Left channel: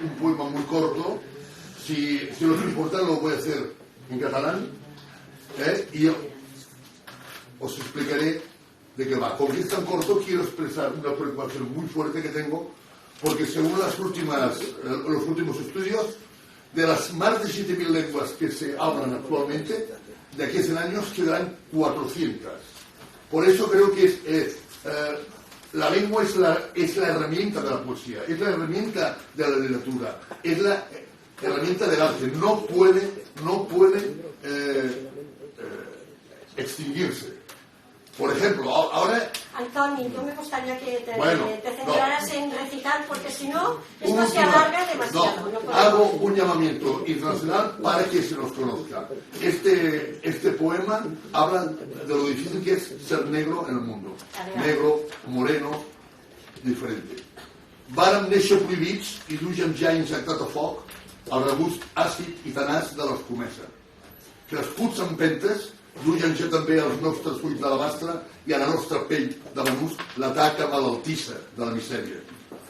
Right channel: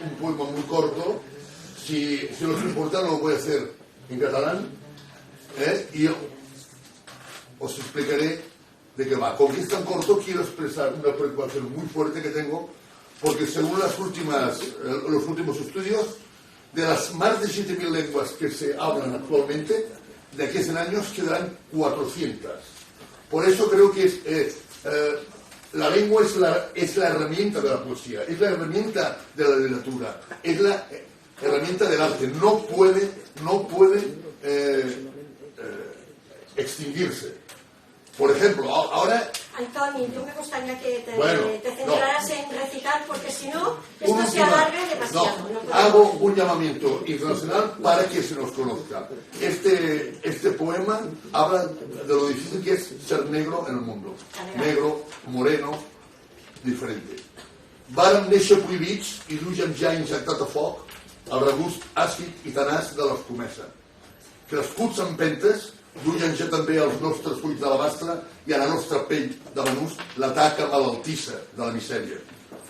un poema muy corto. Si os importa, lo voy a hacer en catalán. Y os explicaré de qué va. Como es tan corto, quiero expresar una preocupación muy fuerte que tengo, porque según los últimos estudios, de las más de 7.000 lenguas que se hablan actualmente, de aquí a 100 años quedarán 400. Por eso creo que la lengua es la herramienta de la poesía, es la herramienta de la literatura, es la herramienta del arte. No puede extinguirse. Por ejemplo, ahora... Antonio, yo me gustaría que te centraras en recitar, porque si no, esto se alarga demasiado. Hago un llamamiento internacional para que se nos conozca. Este poema habla de lo difícil que es ser negro en el mundo. Negro, moreno, diferente. Vàrem néixer prohibits i duien ja injectat a foc el regust àcid i tenaç de l'escomesa. Crescuts en pentes, duien ja també els nostres fulls d'alabastre i a la nostra pell de menús la taca malaltissa de la misèria.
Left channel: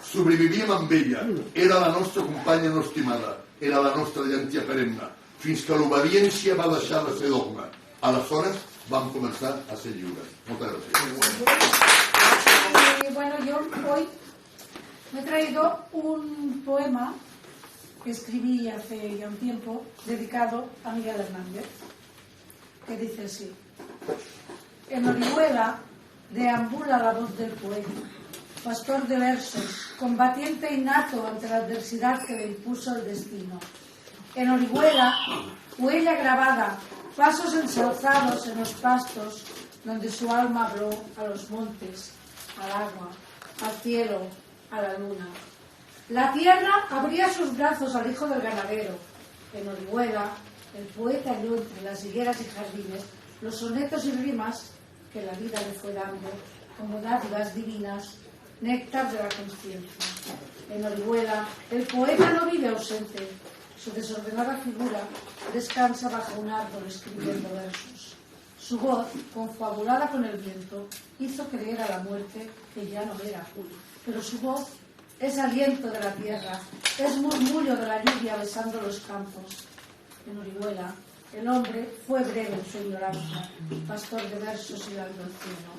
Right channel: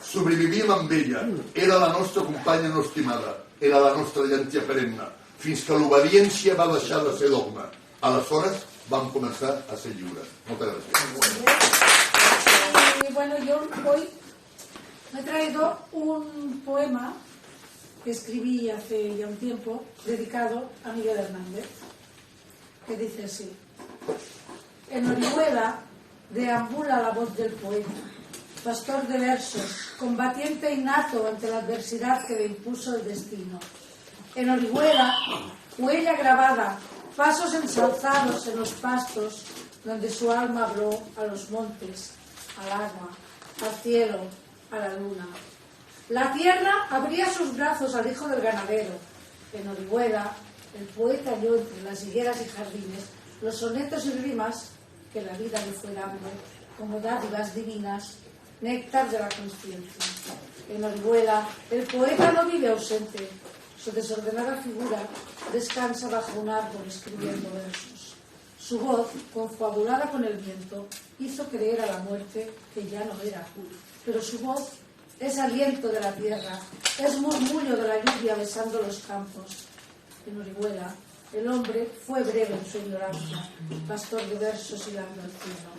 Sobrevivíem amb ella, era la nostra companya no estimada, era la nostra llentia perenne, fins que l'obediència va deixar de ser dogma. Aleshores vam començar a ser lliures. Moltes gràcies. Bueno, yo hoy me he traído un poema que escribí hace ya un tiempo, dedicado a Miguel Hernández, que dice así: en Orihuela deambula la voz del poeta, pastor de versos, combatiente innato ante la adversidad que le impuso el destino. En Orihuela, huella grabada, pasos ensalzados en los pastos, donde su alma habló a los montes, al agua, al cielo, a la luna. La tierra abría sus brazos al hijo del ganadero. En Orihuela, el poeta halló entre las higueras y jardines los sonetos y rimas que la vida le fue dando como dádivas divinas, néctar de la conciencia. En Orihuela, el poeta no vive ausente. Su desordenada figura descansa bajo un árbol escribiendo versos. Su voz, confabulada con el viento, hizo creer a la muerte que ya no era Julio. Pero su voz es aliento de la tierra, es murmullo de la lluvia besando los campos. En Orihuela, el hombre fue breve en su ignorancia, pastor de versos y largo al cielo.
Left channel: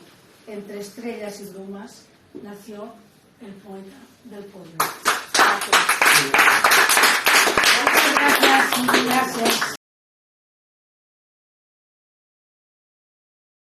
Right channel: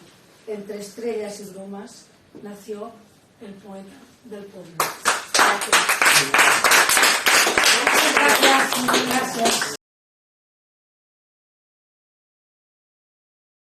Entre estrellas y brumas nació el poeta del pueblo. Gracias. Gracias.